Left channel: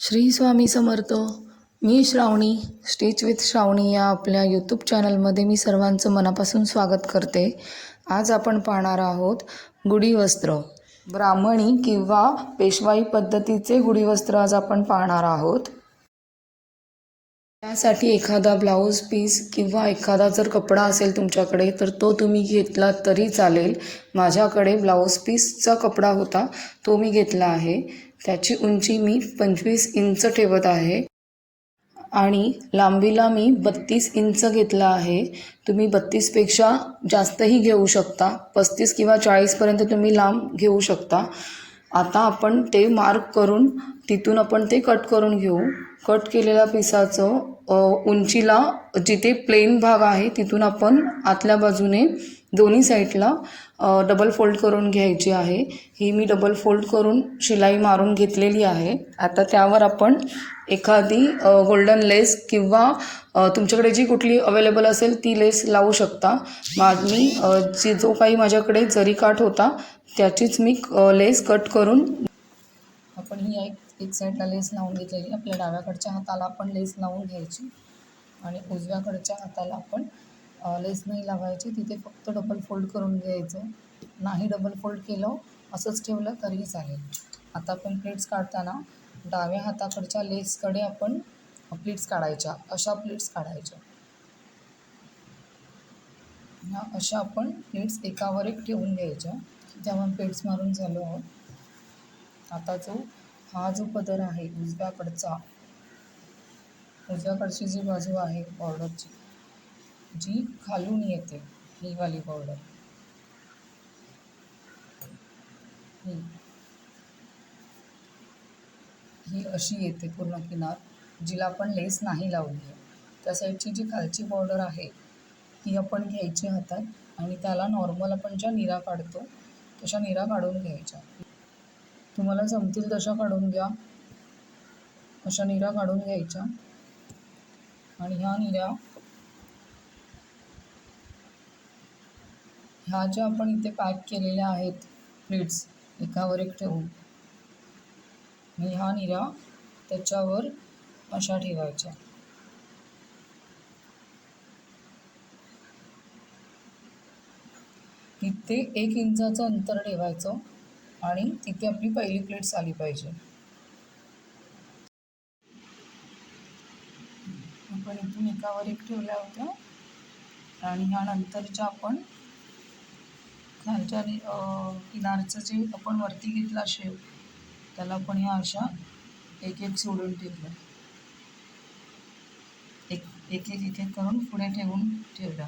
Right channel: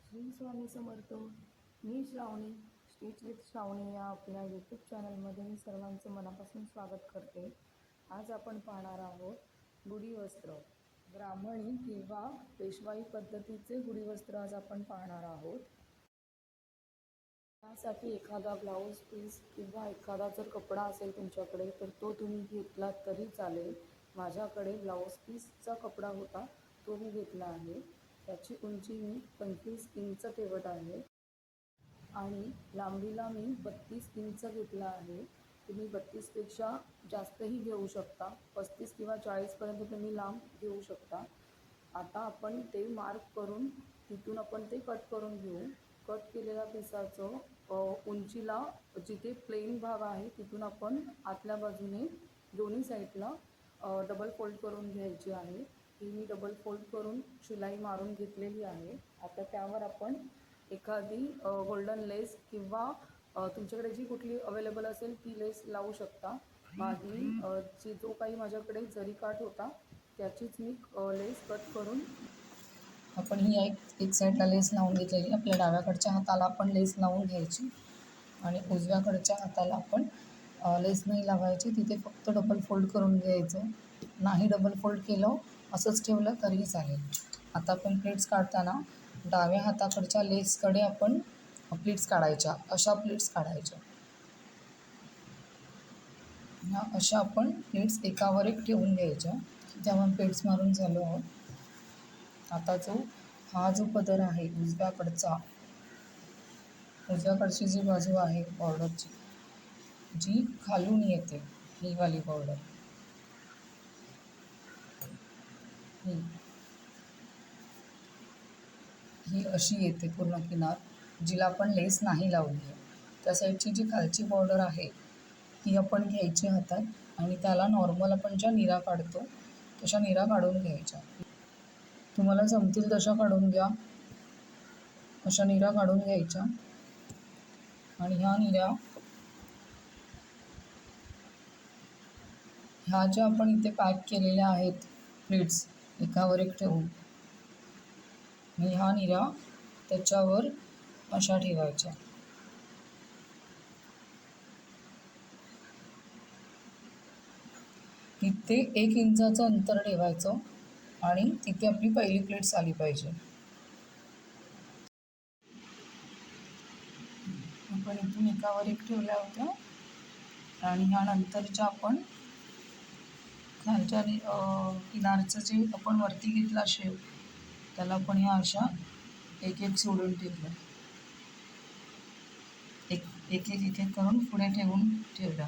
श्री स्वामी समर्थ. मी Shravani, stitch with Shravani या आपल्या यूट्यूब चॅनलमध्ये मी सर्वांचं मनापासून स्वागत करते. आज आपण पाहणार आहोत गुढी वस्त्र. ब्राह्मणी किंवा पेशवाई पद्धतीचे गुढी वस्त्र आज आपण पाहणार आहोत. त्यासाठी एखादा ब्लाऊज पीस किंवा एखादा जर कपडा असेल तुमच्याकडे तर तो तुम्ही घेतला तरी चालेल. माझ्याकडे ब्लाऊज पीसचा कपडा होता, तो मी घेतला आहे. त्याची उंची मी 25 इंच ठेवत आहे आणि लांबीला मी 32 इंच घेतला आहे. तुम्ही 32पेक्षा जास्तही घेऊ शकता. 35 किंवा 40पर्यंत तुम्ही लांब घेऊ शकता. आता आपण ते मार्क करून तिथून आपण ते कट करून घेऊ. कट केलेल्या पिसाचं उंचीला जिथे प्लेन भाग आहे तिथून आपण आतल्या बाजूने दोन्ही साईडला डबल फोल्ड करून घ्यायची आहे. ही मी डबल फोल्ड करून शिलाई मारून घेतलेली आहे. आता त्यावर आपण एखादी गोल्डन लेस किंवा तुमच्याकडे जी कुठली अवेलेबल असेल ती लेस लावू शकता. मी जो काही माझ्याकडे जरी काठ होता त्याचीच मी लेस कट करून आपण ही एक साईडला लेस लावून घेतलेली. आपल्या डाव्याकडच्या हाताला आपण लेस लावून घ्यायची आणि उजव्याकडच्या हाताला आपण लेस नाही लावायची. तिथे फक्त डबल फोल्ड करून घ्यायचं. नाही डबल फोल्ड केलं असंच ठेवलं तरीही चालेल. आता आपण प्लेट्स काढताना डाव्या हाताकडच्या लेसकडे आपण प्लेट्स काढायच्या. अशा प्लेट्स काढायच्या. ह्या अशा आपण प्लेट्स एकावर एक ठेवून घ्यायच्या. तेव्हा प्लेट्स मारून झालो आहोत. आता हा जो पदर आहे उजव्याकडची जी बाजू आहे बॉर्डरची, जी खालून येते, ही वाली बॉर्डर, ही अशी येते पूर्ण किनार, जिला आपण लेस नाही लावली आहे. त्या साईडची जी खालची बॉर्डर आहे ती आपण घ्यायची हातात आणि त्याला नॉर्मल आपण ज्या निरा काढतो तशा निरा काढून घ्यायच्या. तुम्हाला जमतील तशा काढून घ्या. अशा निरा काढून घ्यायच्या आणि ह्या निरा ह्या ज्या आपण इथे पॅक केलेल्या आहेत प्लेट्स एकावर एक ठेवून, ह्या निरा त्याच्यावर अशा ठेवायच्या. तिथे 1 इंचाचं अंतर ठेवायचं आणि तिथे आपली पहिली प्लेट्स आली पाहिजे. आपण इथून एकावर एक ठेवल्या होत्या आणि ह्या नंतरच्या आपण खालच्या किनारचं जे आपण वरती घेतला शेप त्याला आपण ह्या अशा एक एक सोडून ठेवलं. एक एक करून पुढे ठेवलं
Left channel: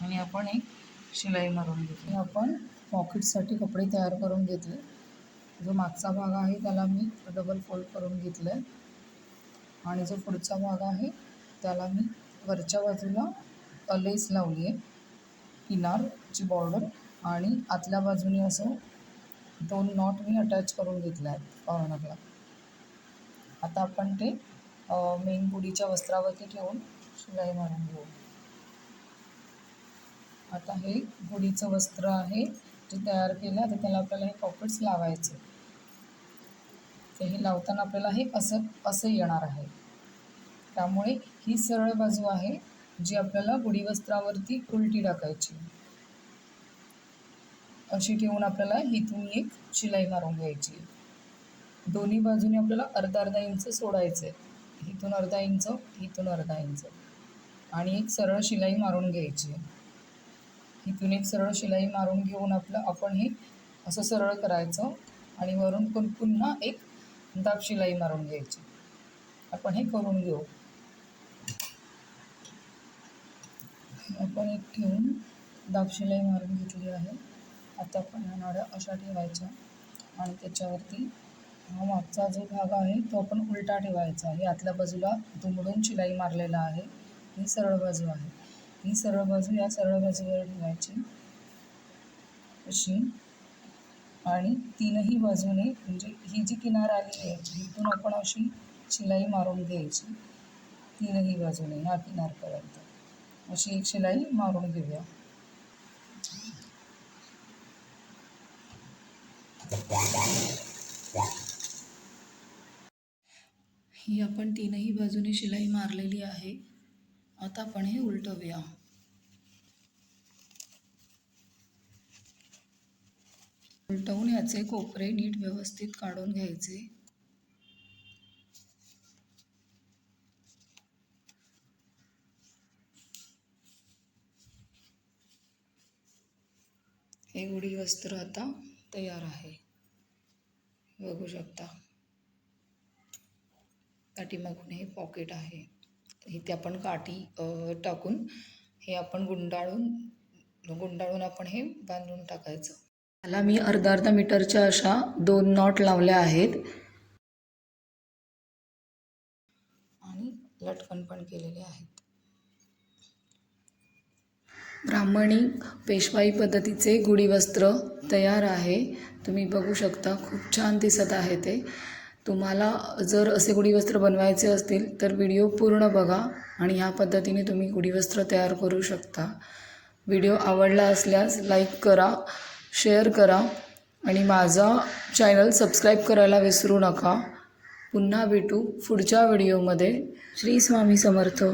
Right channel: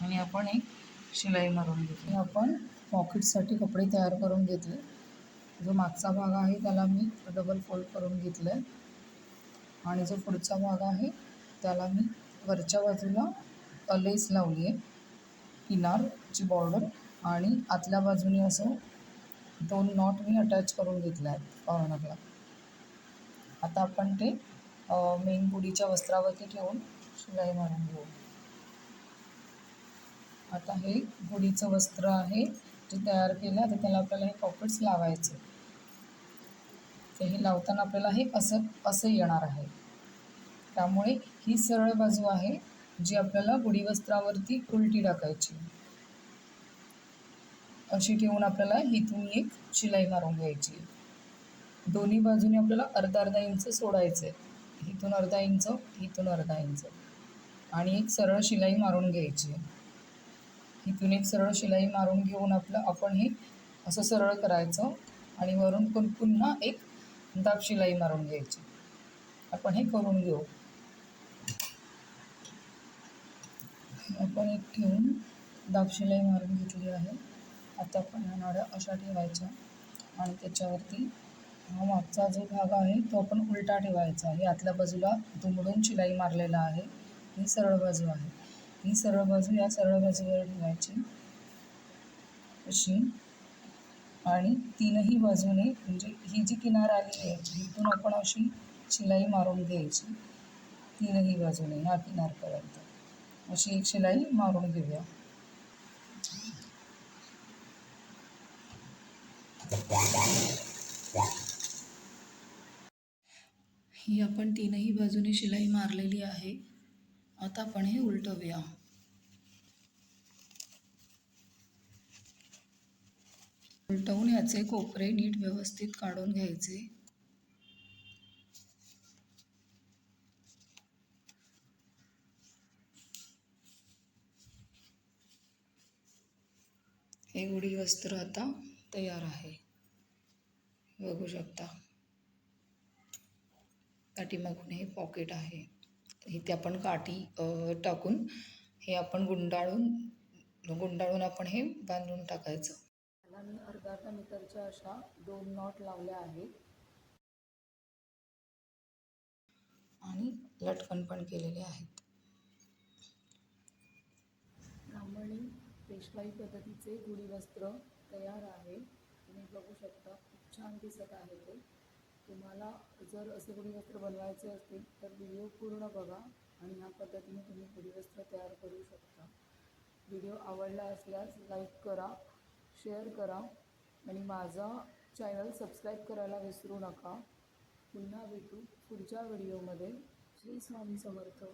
आणि आपण एक शिलाई मारून घेतली. आपण पॉकेटसाठी कपडे तयार करून घेतले. जो मागचा भाग आहे त्याला मी डबल फोल्ड करून घेतलं आहे आणि जो पुढचा भाग आहे त्याला मी वरच्या बाजूला लेस लावली आहे, किनारची बॉर्डर, आणि आतल्या बाजूने असं 2 नॉट मी अटॅच करून घेतल्या आहेत कॉर्नरला. आता आपण ते मेन गुढीच्या वस्त्रावरती ठेवून शिलाई मारून घेऊ. आता हे गुढीचं वस्त्र आहे जे तयार केलं. आता त्याला आपल्याला हे पॉकेट्स लावायचे. तर हे लावताना आपल्याला हे असं येणार आहे. त्यामुळे ही सरळ बाजू आहे जी आपल्याला गुढी वस्त्रावरती उलटी टाकायची. अशी ठेवून आपल्याला इथून एक शिलाई मारून घ्यायची. दोन्ही बाजूने आपल्याला अर्धा इंच सोडायचं आहे. इथून अर्धा इंच, इथून अर्धा इंच, आणि एक सरळ शिलाई मारून घ्यायची. इथून एक सरळ शिलाई मारून घेऊन आपण हे असं सरळ करायचं आणि वरून पुन्हा एक दाब शिलाई मारून घ्यायची. आपण हे करून घेऊ. आपण एक ठेवून दाब शिलाई मारून घेतली आहे. आता आपण ह्या नाड्या अशा ठेवायच्या आणि त्याच्यावरती हा मागचा जो भाग आहे तो आपण उलटा ठेवायचा. हे आतल्या बाजूला दुमडून शिलाई मारलेला आहे. ही सरळ बाजू आहे. ही सरळ बाजू या सरळ बाजूवर ठेवायची अशी, आणि तीनही बाजूने म्हणजे ही जी किनार आली आहे इथून आपण अशी शिलाई मारून घ्यायची. तीनही बाजूने ह्या किनारपर्यंत अशी एक शिलाई मारून घेऊया. ही आपण तीनही बाजूने शिलाई मारलेली आहे. आता आपण हे उलटवूया. उलटवून याचे कोपरे नीट व्यवस्थित काढून घ्यायचे. हे गुढी वस्त्र आता तयार आहे, बघू शकता. पाठीमागून हे पॉकेट आहे, इथे आपण काठी टाकून हे आपण गुंडाळून आपण हे बांधून टाकायचं. त्याला मी अर्धा मीटरच्या अशा 2 नॉट लावल्या आहेत आणि लटकन पण केलेले आहेत. ब्राह्मणी पेशवाई पद्धतीचे गुढी वस्त्र तयार आहे. तुम्ही बघू शकता, खूप छान दिसत आहे ते. तुम्हाला जर असे गुढी वस्त्र बनवायचे असतील तर व्हिडिओ पूर्ण बघा आणि ह्या पद्धतीने तुम्ही गुढी वस्त्र तयार करू शकता. व्हिडिओ आवडला असल्यास लाईक करा, शेअर करा आणि माझा चॅनल सबस्क्राईब करायला विसरू नका. पुन्हा भेटू पुढच्या व्हिडिओमध्ये. श्री स्वामी समर्थ.